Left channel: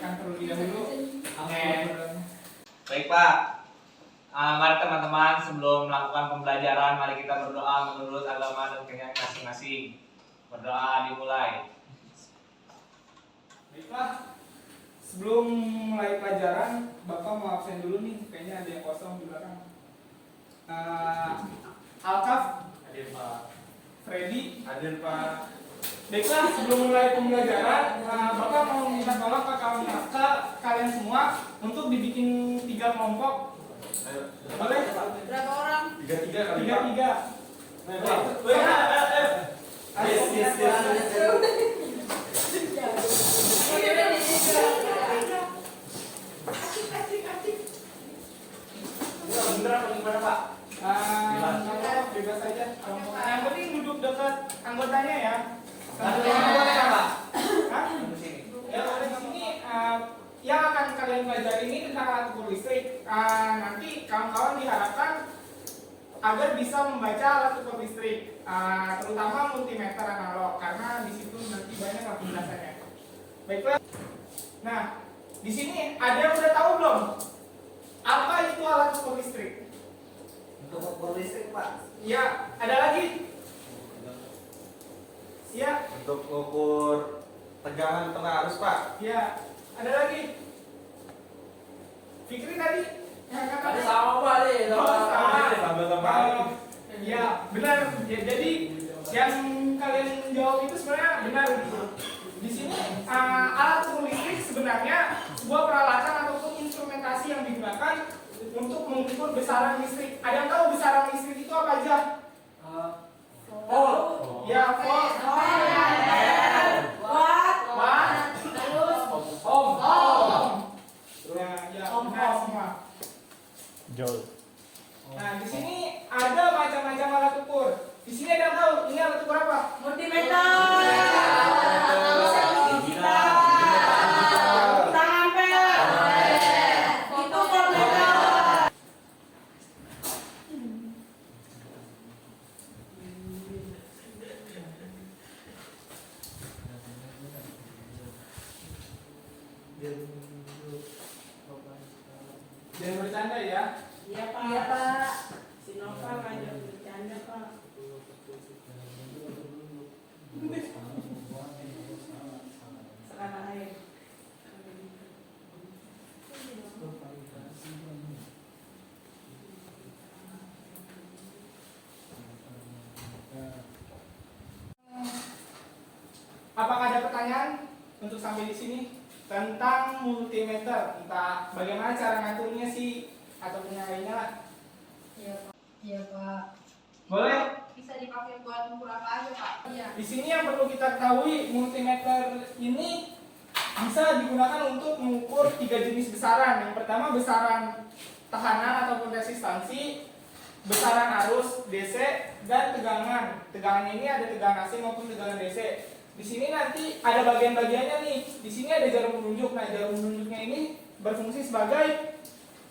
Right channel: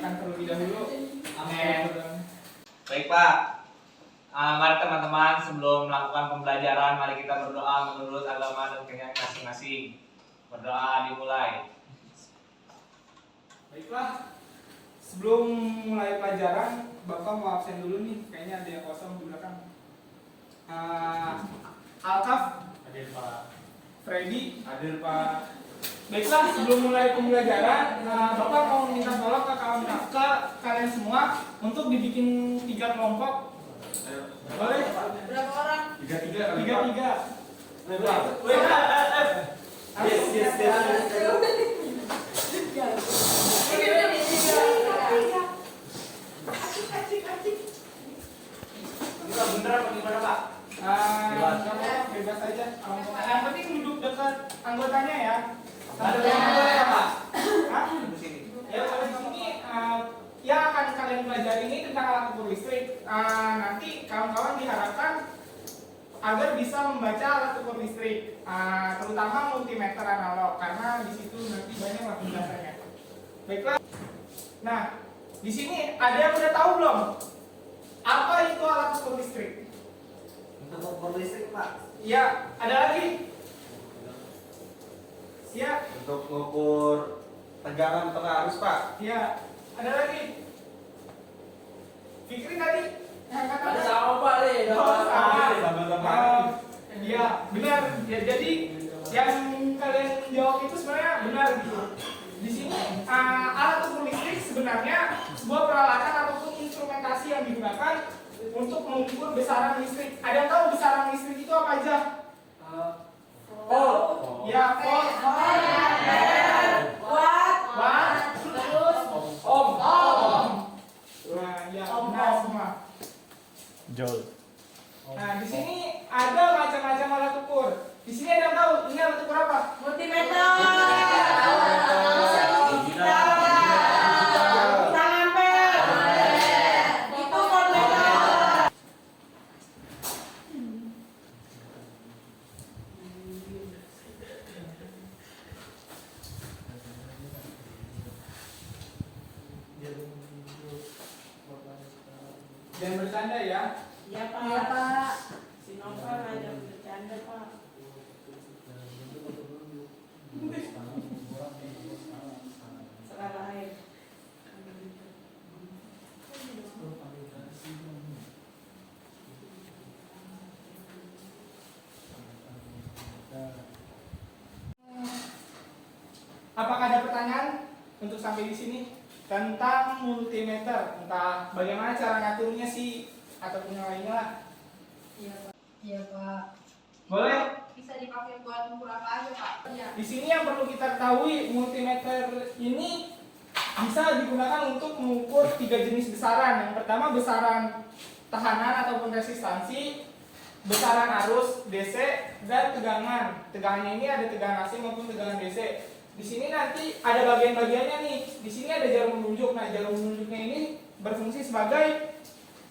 dipersiapkan terlebih dahulu. Amin. Baik Pak, mari teman-teman sebelum melakukan pembelajaran, mari kita berdoa menurut agama dan keyakinan masing-masing. Berdoa dimulai. Baiklah, sebelum mulai pelajaran, Bapak mau absen dulu nih, kayaknya ada yang kosong di belakang. Alkaf, Hadir Pak. Freddy, Hadir Pak. baiklah, sebelum mulai pembelajaran, Bapak mau minta tolong ke kalian semua untuk dibikin 3 kelompok. Ayo. Boleh? Berapa orang? 3-3 kali Pak. 3-3. Yes. Beneran atau gimana Pak? Bebas aja kelompoknya. Yang penting duduk dekat anggotanya ya. Boleh ya Pak? Hah? Ya, di sini yang akan kalian pelajari ini tentang alat ukur listrik. Nanti kawan-kawan diharapkan agar bisa membaca alat ukur listrik, terutama multimeter analog, karena di situ nanti banyak penjelasannya. Baiklah. Nah, di sini ada yang udah tahu belum? Apa itu alat ukur listrik? Untuk ukur listrik Pak. Ya, ada lagi? Siap? Untuk mengukur tegangan tengah arus Pak. Ya, ada lagi? Fikri tadi? Ada sama Pak deh. Sama. Ya, benar. Ya, jadi yang kalian jawab itu sebenarnya benar gitu. Di sini alat ukur listrik sebenarnya sebuah peralatan ataupun instrumentasi yang digunakan untuk mengukur besaran listrik. Ada yang tahu besaran listrik itu apa aja? Oh. Ya, volt. Watt. Terus Ohm. Nah, ya, benar semua. Joule. Nah, di sini ada macam-macam alat ukur. Di sini ada yang tahu ini alat ukur apa? multimeter. Itu multimeter. Jangan bercanda ya. Iya Pak. Si Nova ngajak bercanda Pak. Sekarang air. Apakah ada pertanyaan untuk sampai di sini tentang multimeter? Entah bagaimana cara ngaturnya sih ataupun yang lainnya lah. Iya Pak. Boleh? Bisa dipakai buat ukur apa aja Pak? Iya. Di sini yang perlu kita ketahui, multimeter ini bisa digunakan untuk mengukur 3 jenis besaran. Yang pertama besaran tahanan ataupun resistansi, besaran arus DC, dan tegangan. Tegangannya ini ada tegangan AC maupun tegangan DC. Di sini nanti ada bagian-bagiannya nih. Di sini ada jarum menunjuk. Nah, jarum menunjuknya ini berfungsi sebagai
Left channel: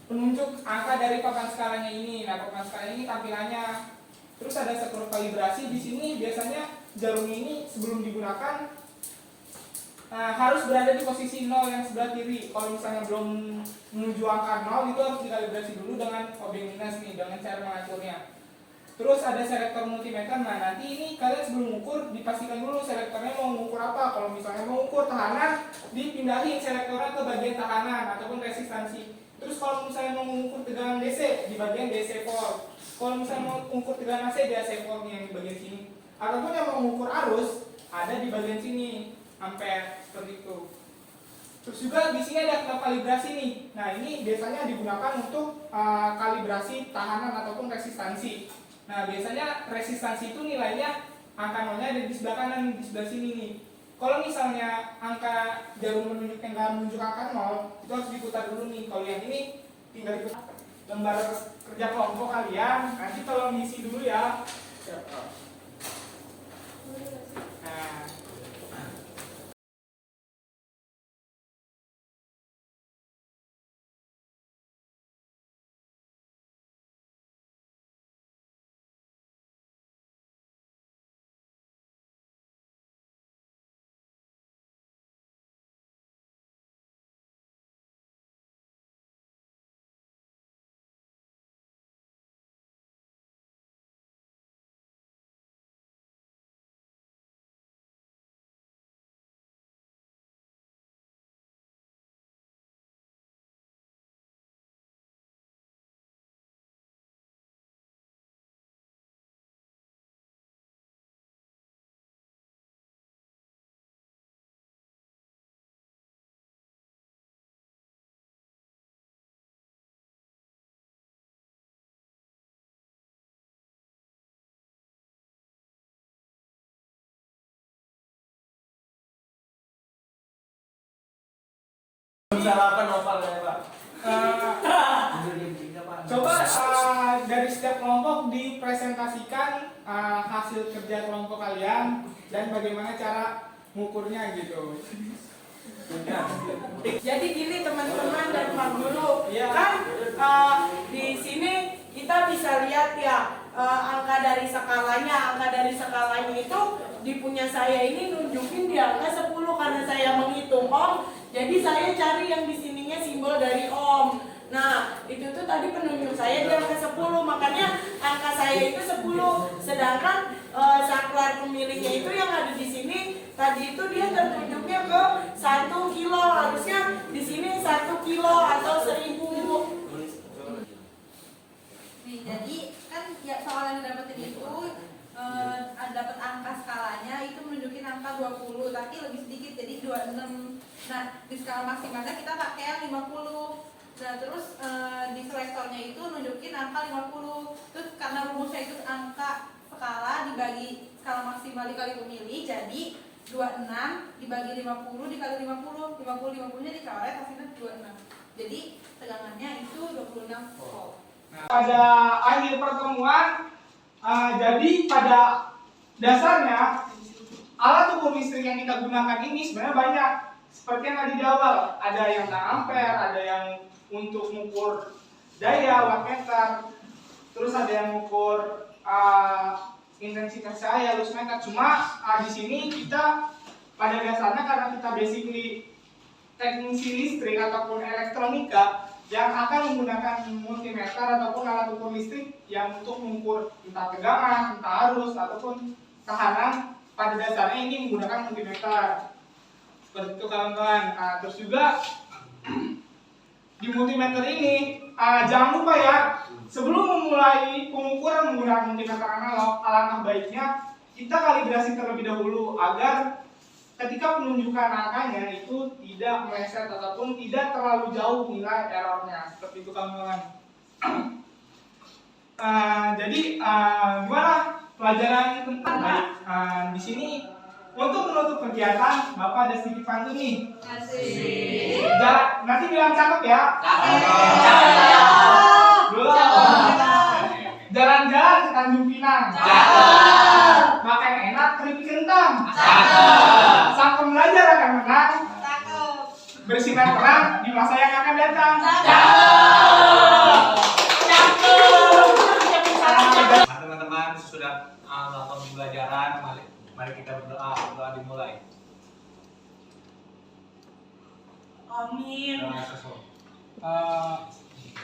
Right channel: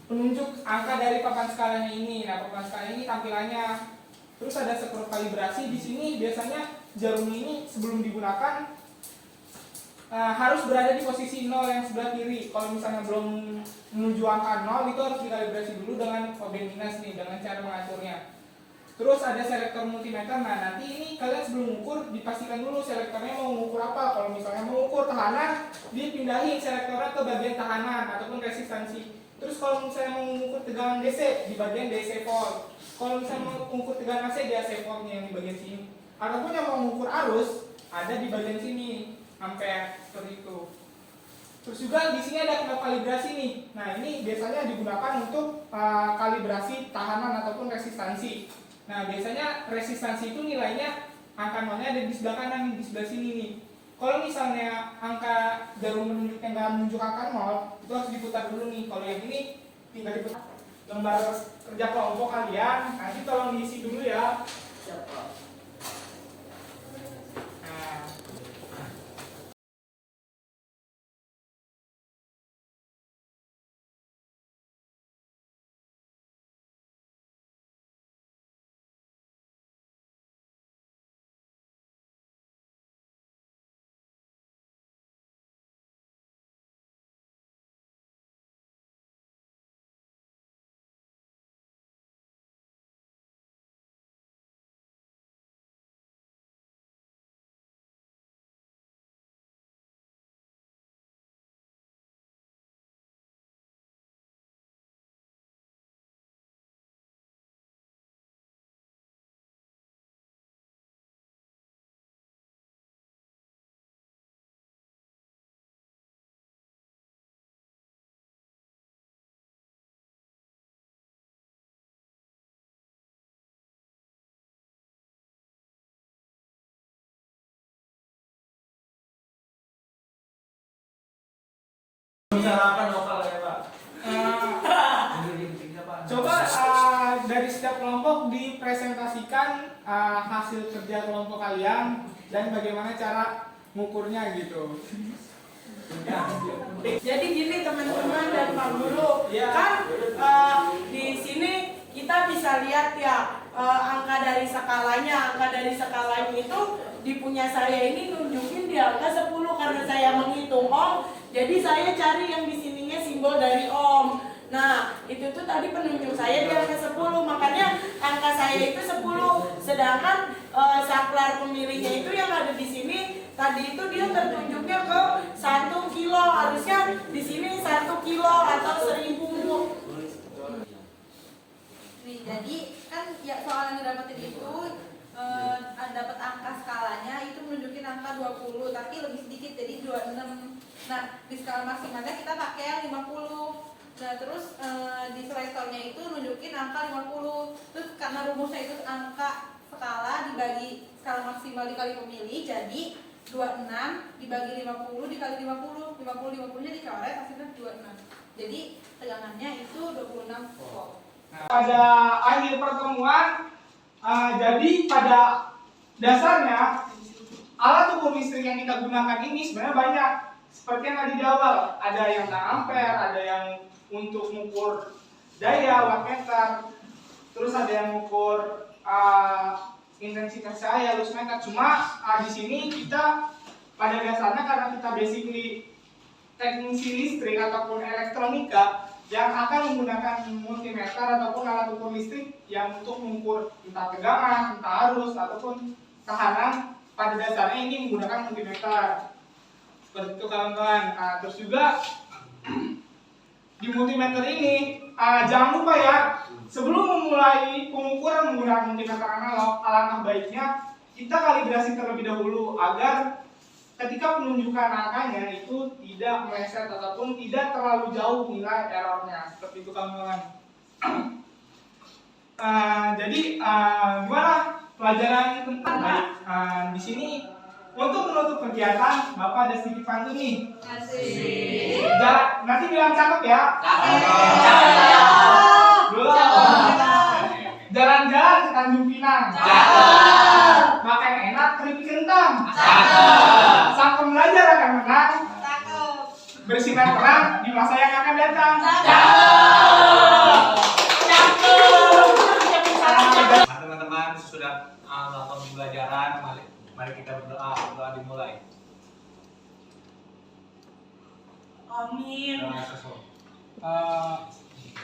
penunjuk angka dari papan skalanya ini. Nah, papan skala ini tampilannya. Terus ada skrup kalibrasi. Di sini biasanya jarum ini sebelum digunakan harus berada di posisi 0 yang sebelah kiri. Kalau misalnya belum menuju angka 0, itu harus dikalibrasi dulu dengan kode minus nih, dengan cara mengaturnya. Terus ada selektor multimeter. Nah, nanti ini kalian sebelum mengukur dipastikan dulu selektornya mau mengukur apa. Kalau misalnya mau mengukur tahanan, dipindahin selektornya ke bagian tahanan ataupun resistansi. Terus kalau misalnya mau mengukur tegangan DC, di bagian DC volt. Kalau misalnya mau mengukur tegangan AC, di AC voltnya yang di bagian sini. Ataupun yang mau mengukur arus, ada di bagian sini, ampere, seperti itu. Terus juga di sini ada kalibrasi nih. Nah, ini biasanya digunakan untuk kalibrasi tahanan ataupun resistansi. Nah, biasanya resistansi itu nilainya angka nolnya ada di sebelah kanan, di sebelah sini nih. Kalau misalnya angka jarum menunjuknya nggak menunjuk angka 0, itu harus diputar dulu nih. Kalau yang ini tinggal diputar. Lembar kerja kelompok kalian, nanti tolong diisi dulu ya. Siap. Bicarakan lokal ya Pak. Coba dari setiap kelompok dipresentasikan hasil kerja kelompok kalian dan bagaimana cara mengukurnya gitu. Jadi gini teman-teman dan Pak Guru, Ya. kan di sini kita bisa lihat ya angka dari skalanya. Angka dari skalanya itu di punya saya ini nunjukin di angka 10 karena saya menghitung ohm. Jadi saya cari yang di sininya simbol dari ohm. Nah, itu tuh tadi penunjuk saya di angka 10, makanya angka saya itu 10. Sedangkan saklar pemilihnya itu yang ada di sini tadi itu dia tertunjuknya ke 1 kilo, harusnya di sini 1 kilo atau 1000. Nih, jadi kan ya soal yang didapetin itu dapat angka skalanya itu menunjukin angka 20, tapi lebih sedikit jadi 26. Nah, di skala maksimalnya kita pakai yang 50. Nah, terus di selektornya itu nunjukin angka 50. Terus karena rumusnya itu angka skala dibagi skala maksimal dikali pemilih, jadi 26 dibagi 50 dikali 50. 50-50-nya dicoret hasilnya 26. Jadi tegangannya itu 26 volt. Pada akhir pertemuan, jadi pada dasarnya alat ukur listrik yang kita gunakan ini sebenarnya banyak. Seperti yang tadi di awal, ada yang ampere, ada yang untuk mengukur daya wattmeter, terus ada yang mengukur intensitas cahaya loss meter. Cuma di sini kita pada dasarnya karena kita basically teknisi listrik ataupun elektronika yang akan menggunakan multimeter ataupun alat ukur listrik yang untuk mengukur entah tegangan, entah arus ataupun tekanan, pada dasarnya ini menggunakan multimeter. Seperti itu kawan-kawan. Terus juga di multimeter ini jangan lupa ya, sebelum memulai pengukuran menggunakan multimeter analog, alangkah baiknya kita kalibrasi terlebih dahulu agar ketika penunjukan angkanya itu tidak meleset ataupun tidak terlalu jauh nilai errornya. Seperti itu kawan-kawan. Jadi gimana pelajaran tentang di sini untuk menutup kegiatan Bapak ada sedikit pantun nih. Nanti bilang cakep ya. Jalan-jalan ke Tanjung Pinang. Makan enak keripik kentang. Sang pembelajar akan menang. Bersinar terang di masa yang akan datang. Teman-teman sudah melakukan pembelajaran, mari kita berdoa. Doa dimulai. Amin.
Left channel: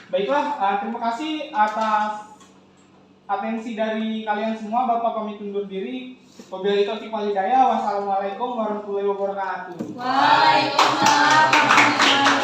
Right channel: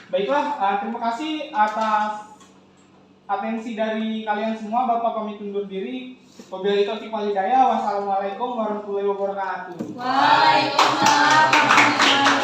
Baiklah, terima kasih atas atensi dari kalian semua. Bapak pamit undur diri. Wabillahi taufiq wal hidayah. Wassalamualaikum warahmatullahi wabarakatuh. Waalaikumsalam warahmatullahi wabarakatuh.